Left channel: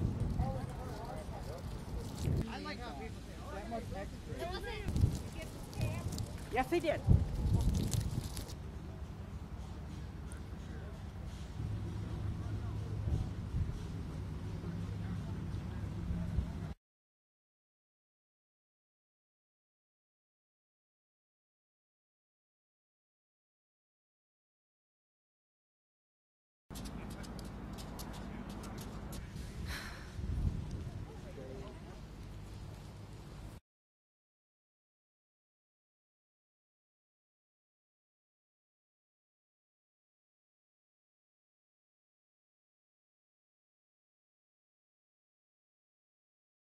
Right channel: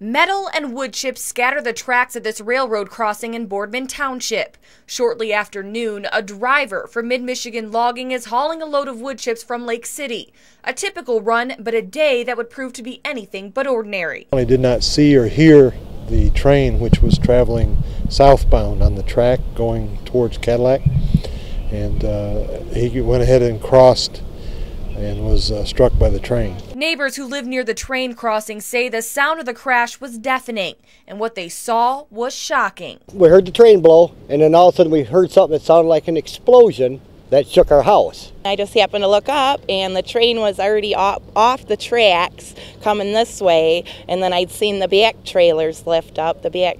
Metal and wood chips scatter the tracks at this railroad crossing in Boardman Township. Shortly after noon, a driver from Mid-Michigan Logging is hauling a load of wood chips from Lake City. A typical run, but a day that would prove to be anything but ordinary. I did not see or hear the train, which was traveling southbound on the track going towards Cadillac, and he went ahead and crossed and was struck by the train. Neighbors who live near the train crossing say the sound of the crash was deafening, and what they saw was shocking. We heard the train blow, and then all of a sudden we heard something that sounded like an explosion that shook our house. I just happened to look up, and the train was already off the tracks coming this way, and then I'd seen the back trailers lift up, the back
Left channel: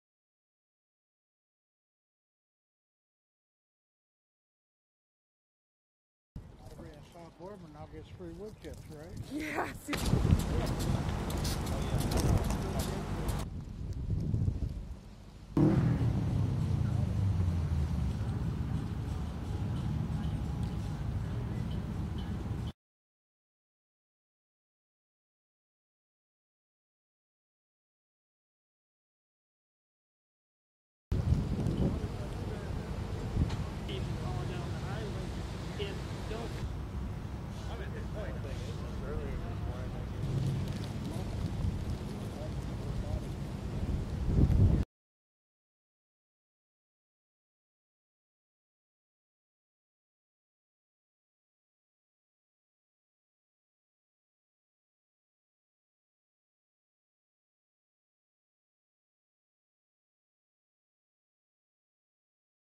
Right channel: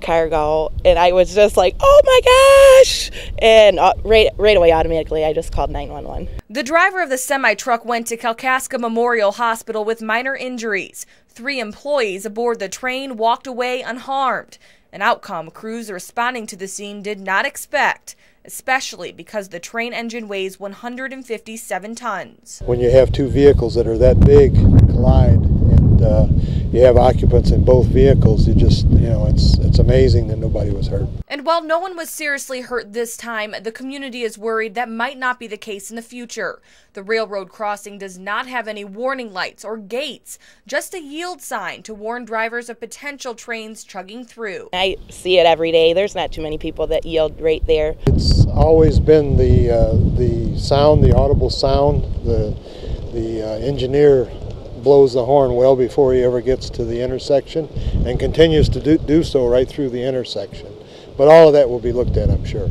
cargo, and I was just like, oh my gosh! And right away, automatically, I just called 911. The driver of the semi-truck went to Kalkaska Memorial Hospital with minor injuries. 3 employees aboard the train walked away unharmed, an outcome crews responding to the scene did not expect, especially because the train engine weighs 157 tons. When you have 2 vehicles that are that big collide and you have occupants in both vehicles, it's amazing that nobody was hurt. And while no one was seriously hurt this time, the community is worried that might not be the case in the future. The railroad crossing does not have any warning lights or gates, just a yield sign to warn drivers of potential trains chugging through. I see it every day. There's not too many people that yield right there. It's always been the sound, the audible sound. The engineer blows the horn well before he ever gets to the intersection and continues to do so right through the intersection. But all of that will be looked at, I'm sure.